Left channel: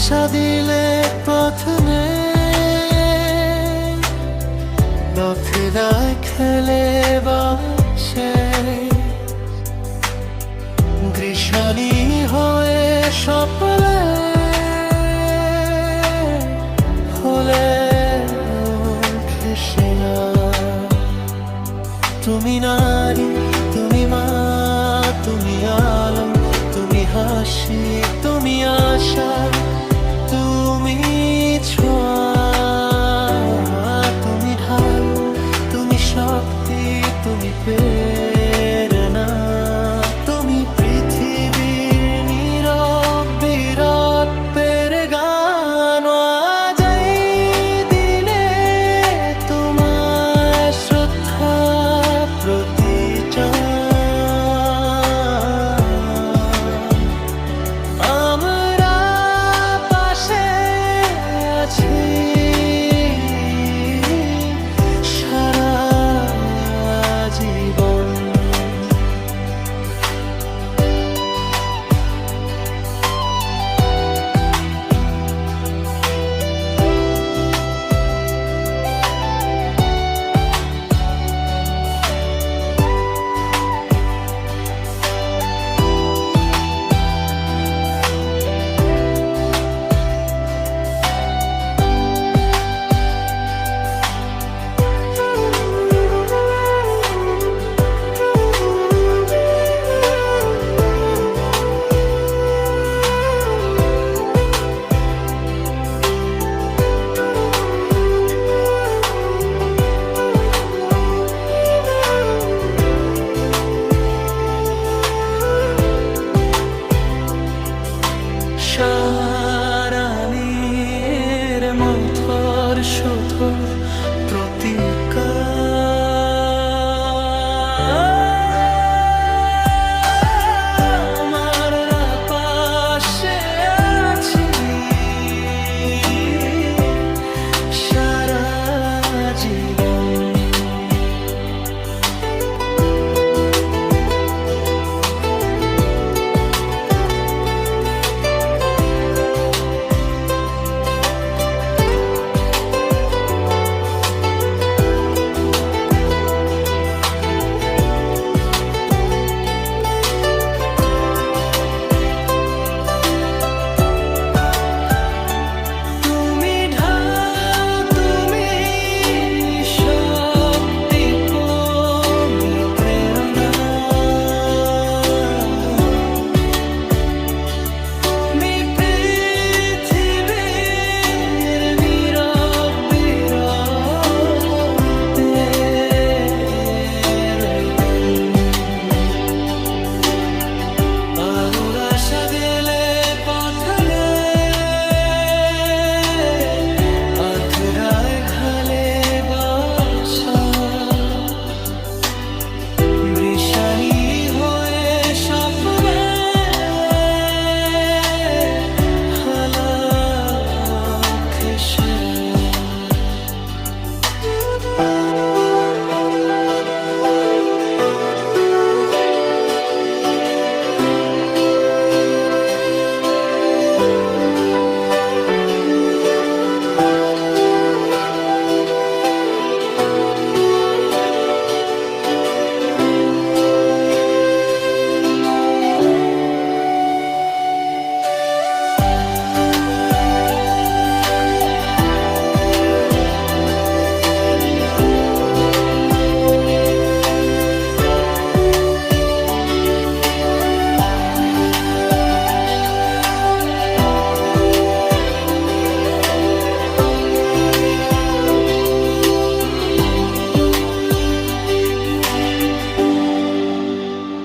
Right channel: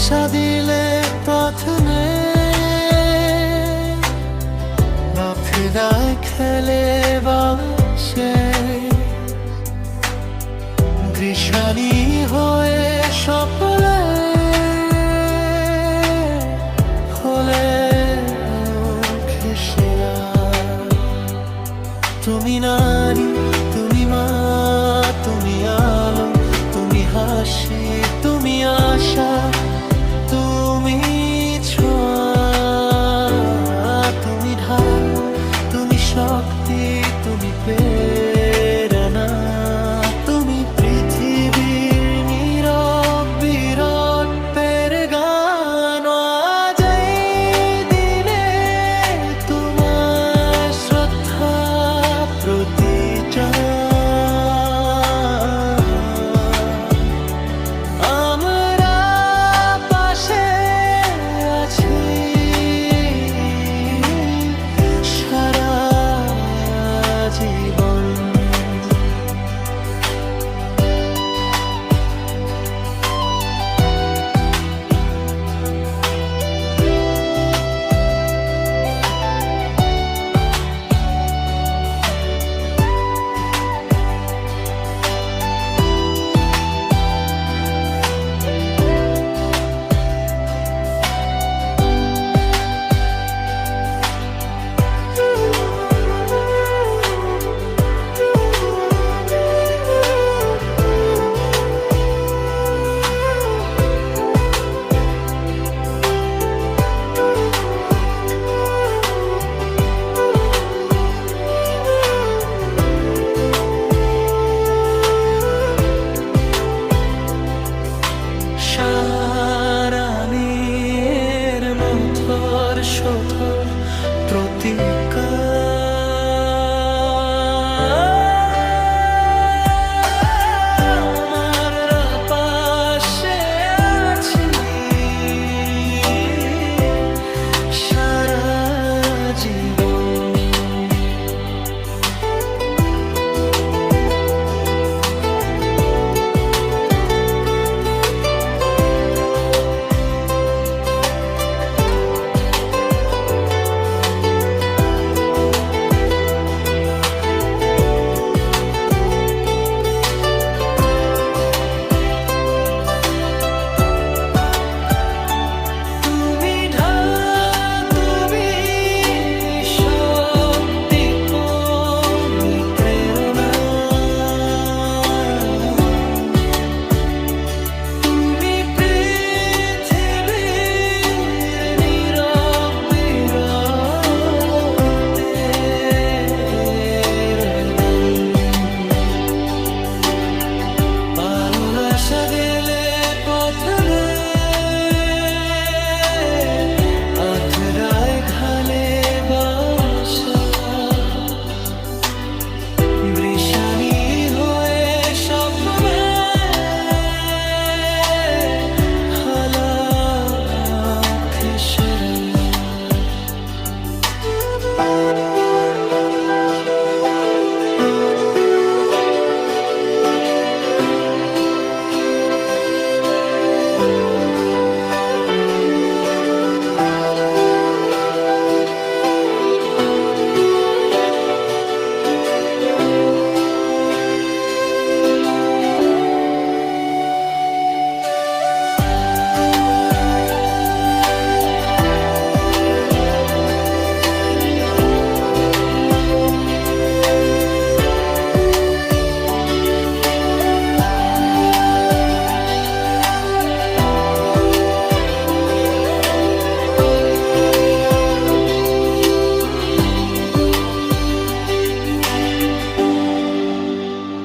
আশা দিলে পথ নেই, নথিরায় খেলে বসে কৃষাণী হয়ে সপলে হলে ঘেসে না। তুমি নারী, তুমি মা, তুমি আলো, তুমি হাসি, তুমি আশা, তুমি ছোঁয়া, তুমি ঢাল, তুমি শক্তি, তুমি প্রেরণা, তুমি পৃথিবীর নীরব বিরাট পেরে গান। আজ এই দিনে তোমার শ্রদ্ধা প্রতিচার আমরা পাশে আছি সারা জীবন। সারানির মথর শোথর প্রতিকার আমরা পাশে আছি সারা জীবন। আশা দিলে পথ দে আথরায় ঘালে বাসা বৃষাণী